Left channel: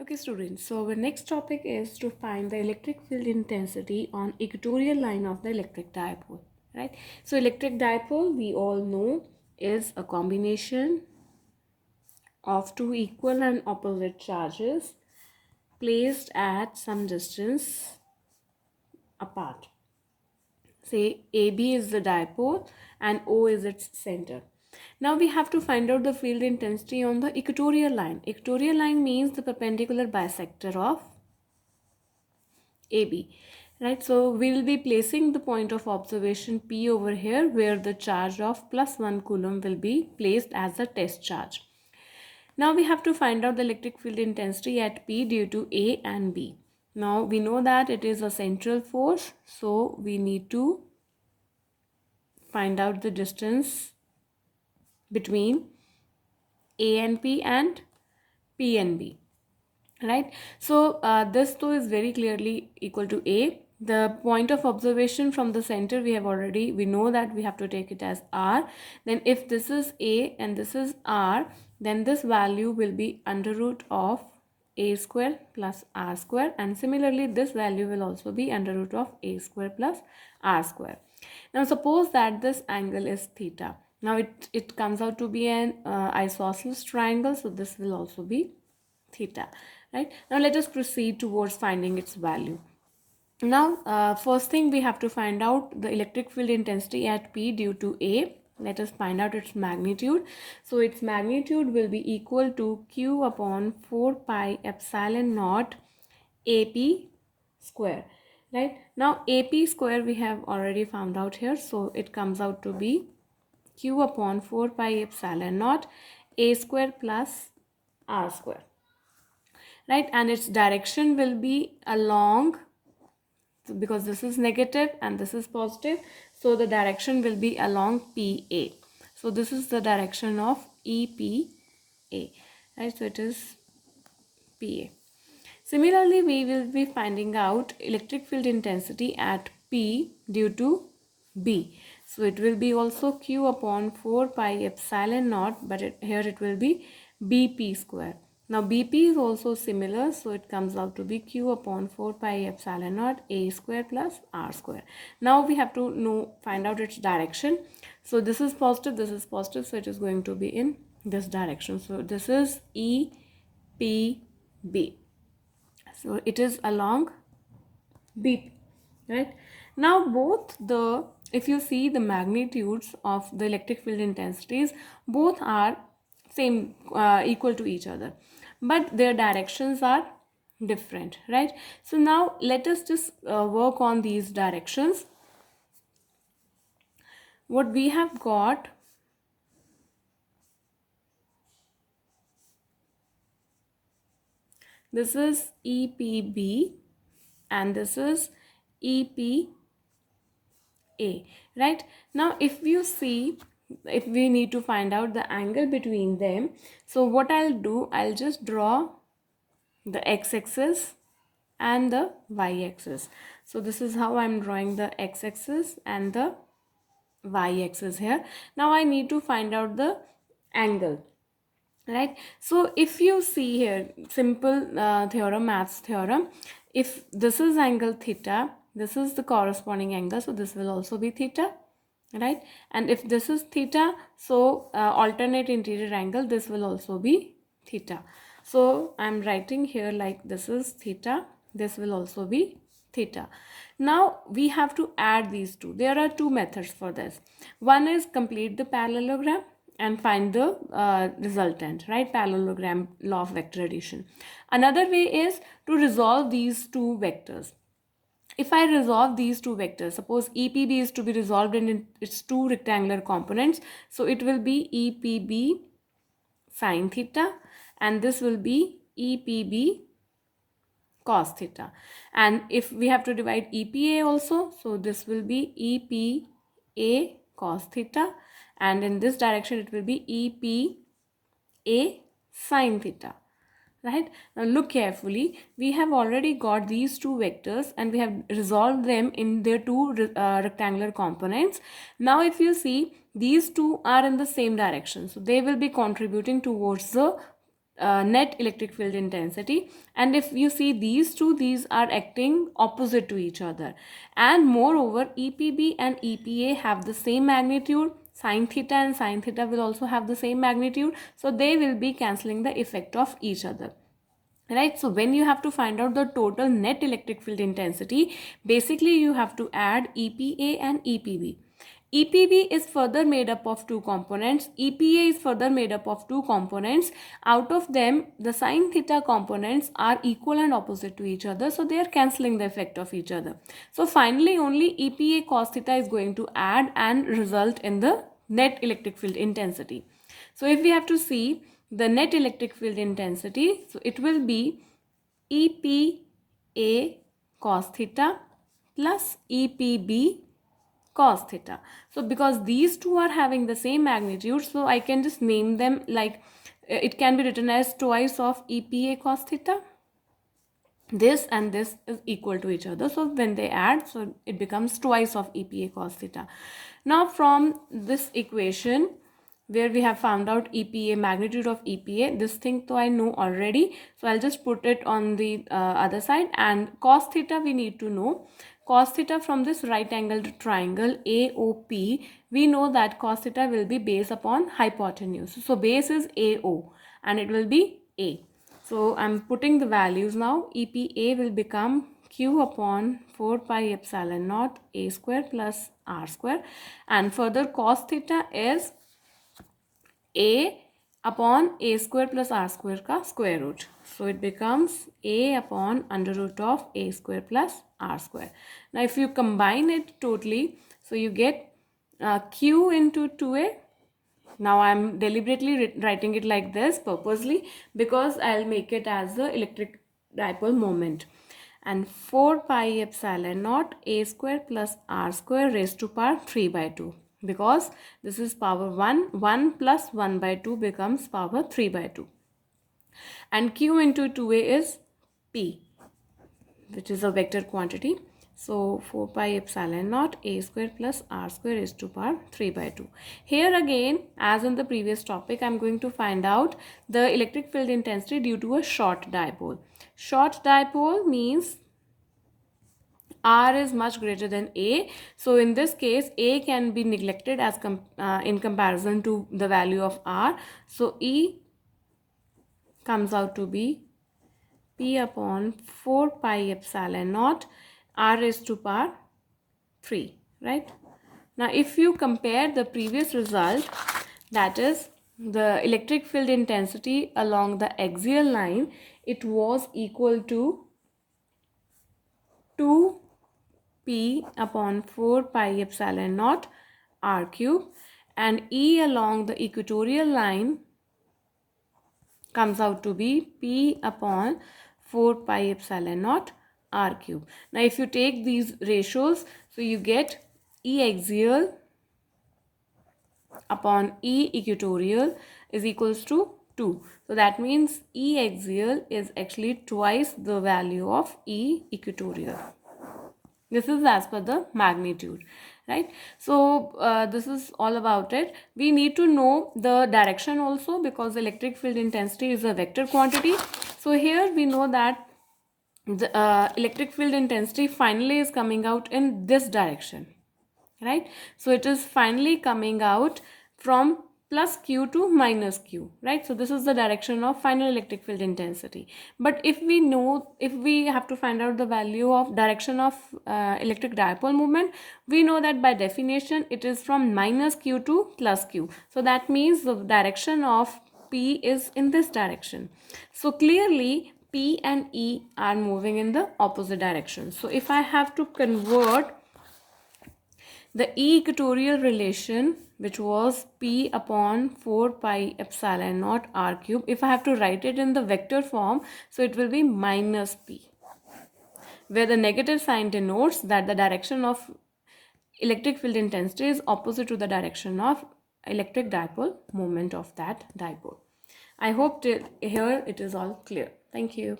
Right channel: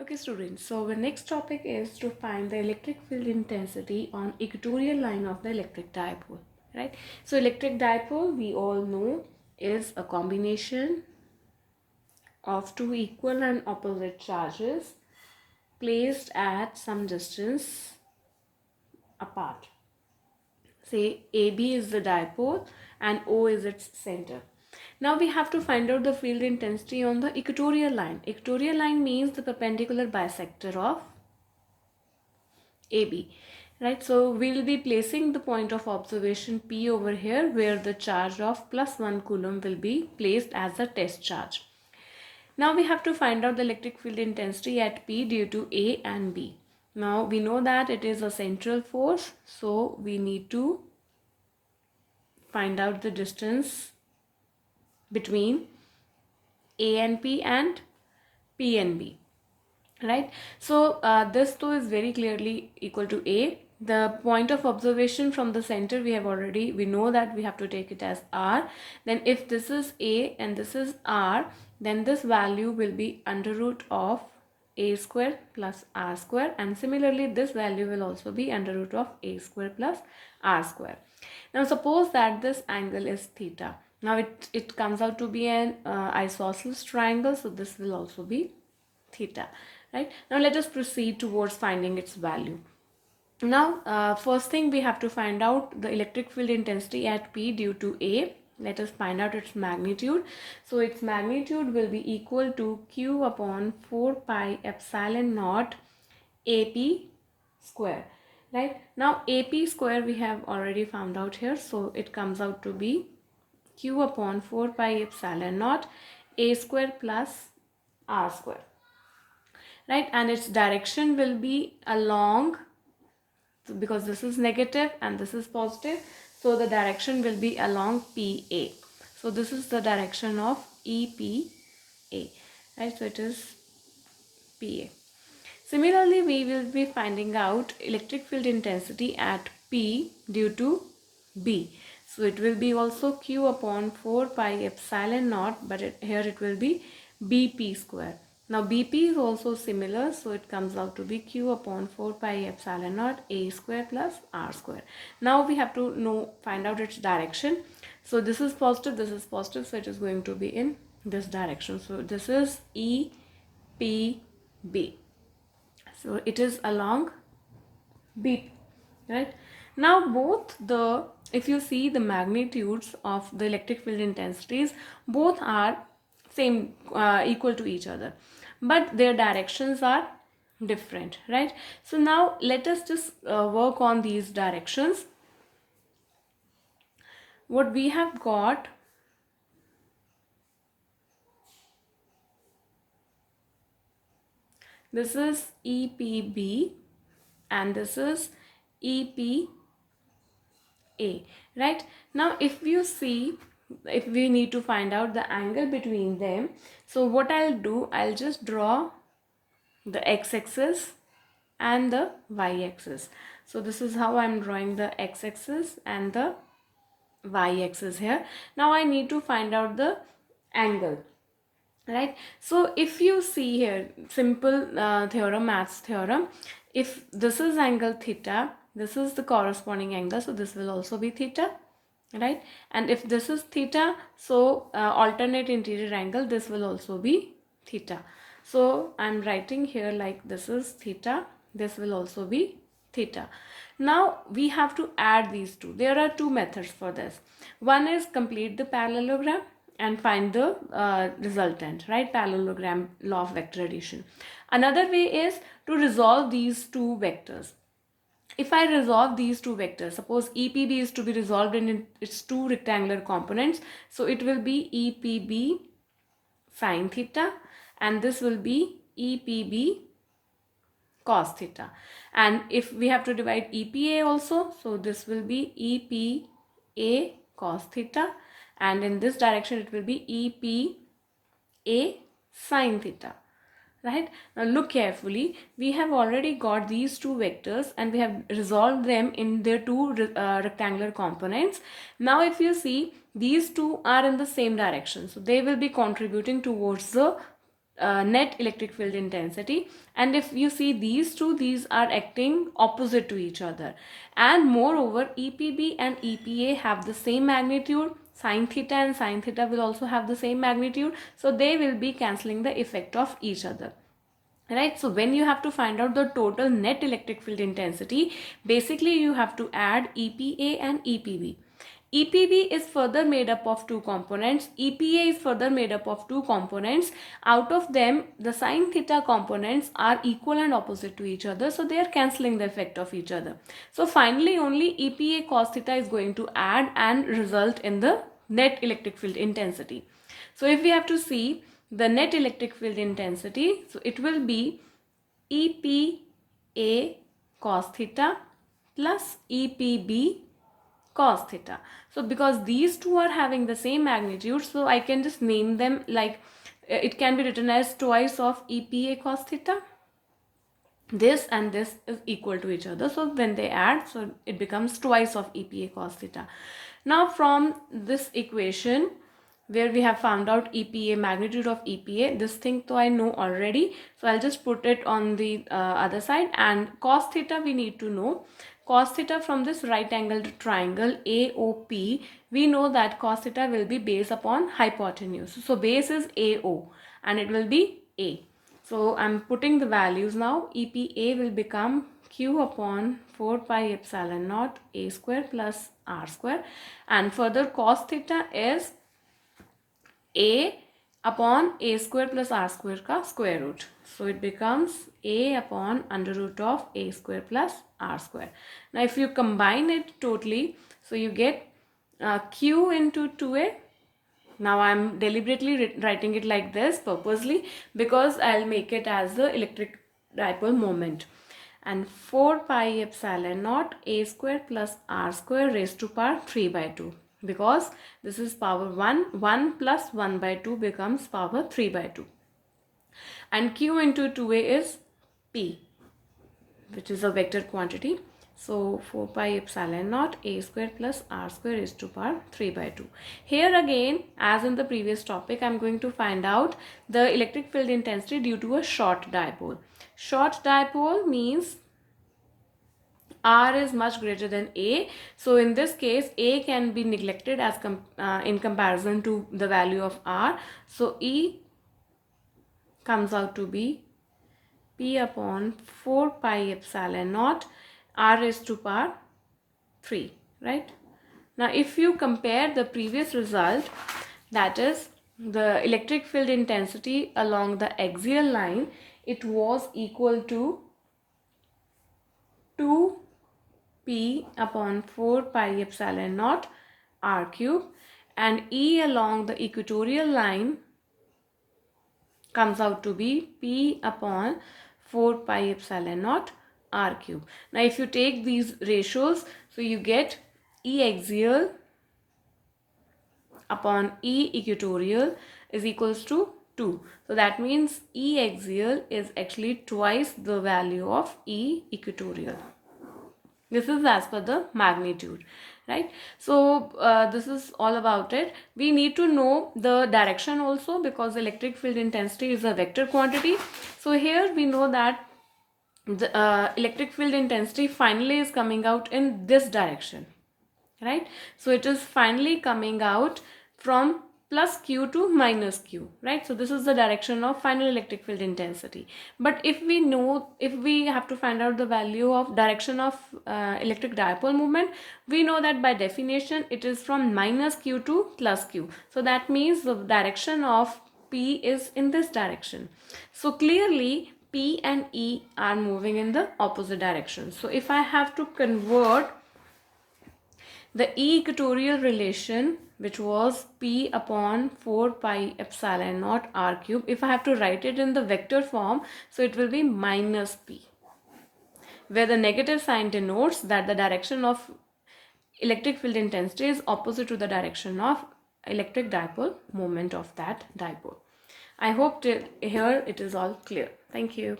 Okay students, so our next topic is to find the electric field intensity on equatorial line of the electric dipole, right? So electric dipole, we all know, is a combination of two equal and opposite charges placed at some distance apart. Say AB is the dipole and O is its center. Now we have to find out the field intensity on the equatorial line. Equatorial line means the perpendicular bisector of AB, right? So we'll be placing the point of observation P over here, where the charge of +1 coulomb will be placed as a test charge. Now we have to find out the electric field intensity at P due to A and B. Now we know that it is a central force, so we need to find out the distance between A and P and P and B, right? So this though is very clearly equal to A. The point of observation from the center we know that we have to take it as R. Then if this is A and this is R, then this value will be under root of A square plus R square, and similarly this value will also be under root of A square plus R square. Now suppose that this angle is theta. Now it comes out to be an isosceles triangle, so this will also be theta, right? Now let us proceed towards finding its value. Now first thing, we have to find out the electric field intensity at P due to A. Let us find out its magnitude. So its magnitude will be equal to Q upon 4 pi epsilon naught AP square, right? Now AP square we have already found out here, so it comes out to be Q upon 4 pi epsilon naught A square plus R square, right? And its direction will be along, because this is negative and this is positive, so the direction will be along PA. So this is the direction of EPA, right? So it is PA. Similarly, we will be finding out electric field intensity at P due to B. So it will be also Q upon 4 pi epsilon naught, but here it will be BP square. Now BP is also similar, so it comes out to be Q upon 4 pi epsilon naught A square plus R square. Now we have to find out its direction. So this is positive, so it is going to be in this direction. So this is EPB. So it is along BP, right? Now if you see the magnitudes of the electric field intensities, both are same, equal to each other, but their directions are different, right? So now let us just work on these directions. What we have got, this is EPB and this is EPA, right? Now if you see, if we need to find out the angle between them, so what I'll do, I'll just draw the x-axis and the y-axis. So this is how I'm drawing the x-axis and the y-axis here. Now I need to find out the angle, right? So if you see here, simple maths theorem, if this is angle theta, this is the corresponding angle, so this will also be theta, right? And if this is theta, so alternate interior angle, this will also be theta. So I'm writing here like this is theta, this will also be theta. Now we have to add these two. There are two methods for this. One is complete the parallelogram and find the resultant, right? Parallelogram law of vector addition. Another way is to resolve these two vectors. If I resolve these two vectors, suppose EPB is to be resolved in its two rectangular components, so it will be EPB sine theta and this will be EPB cos theta. And if we have to divide EPA also, so this will be EPA cos theta, and in this direction it will be EPA sine theta, right? Now look carefully, we have already got these two vectors and we have resolved them in their two rectangular components. Now if you see, these two are in the same direction, so they will be contributing towards the net electric field intensity. And if you see these two, these are acting opposite to each other. And moreover, EPB and EPA have the same magnitude. Sin theta and sin theta will also have the same magnitude. So they will be cancelling the effect of each other. Right, so when you have to find out the total net electric field intensity, basically you have to add EPA and EPB. EPB is further made up of two components. EPA is further made up of two components. Out of them, the sin theta components are equal and opposite to each other. So they are cancelling the effect of each other. So finally, only EPA cos theta is going to add and result in the net electric field intensity. So if we have to see the net electric field intensity, so it will be EPA cos theta plus EPB cos theta. So because these two are having the same magnitude, so I can just name them like it can be written as twice of EPA cos theta. This and this is equal to each other, so when they add, so it becomes twice of EPA cos theta. Now from this equation where we have found out EPA, magnitude of EPA, this thing though I know already, so I'll just put it on the other side. And cos theta we need to know. Cos theta from this right angled triangle AOP, we know that cos theta will be base upon hypotenuse. So base is AO and it will be A. So I'm putting the values now. EPA will become Q upon 4 pi epsilon naught A square plus R square. And further cos theta is A upon A square plus R square ka square root. So it becomes A upon under root of A square plus R square. Now if you combine it totally, so you get Q into 2A. Now I am deliberately writing it like this purposely because I'll make it as the electric dipole moment. And 4 pi epsilon naught A square plus R square raised to power 3 by 2. Because this is power 1, 1 plus 1 by 2 becomes power 3 by 2. And Q into 2A is P, which is a vector quantity. So 4 pi epsilon naught A square plus R square is to power 3 by 2. Here again, as in the previous topic, I am going to find out the electric field intensity due to a short dipole. Short dipole means R is much greater than A. So in this case, A can be neglected as in comparison to the value of R. So E comes out to be P upon 4 pi epsilon naught R raised to power 3, right? Now if you compare the previous result, that is the electric field intensity along the axial line, it was equal to 2P upon 4 pi epsilon naught R cube, and E along the equatorial line comes out to be P upon 4 pi epsilon naught R cube. Now if you take these ratios, so you get E axial upon E equatorial is equals to 2. So that means E axial is actually twice the value of E equatorial. This is as per the magnitude, right? So this is all about it. We need to know the direction also because electric field intensity is a vector quantity. So here we know that the electric field intensity finally is coming out in this direction, right? So it is finally coming out from plus Q to minus Q, right? So this is the direction of final electric field intensity. But if we have to find out the value of direction of electric dipole moment, we know that by definition it is from minus Q to plus Q. So that means the direction of P is in this direction. So clearly P and E are moving in the opposite direction. So if I have to convert the E equatorial relation, which was P upon 4 pi epsilon naught R cube, if I have to write it in the vector form, so it will be minus P, where the negative sign denotes that the direction of electric field intensity is opposite to the direction of electric dipole moment of that dipole. I hope here it is all clear. Thank you.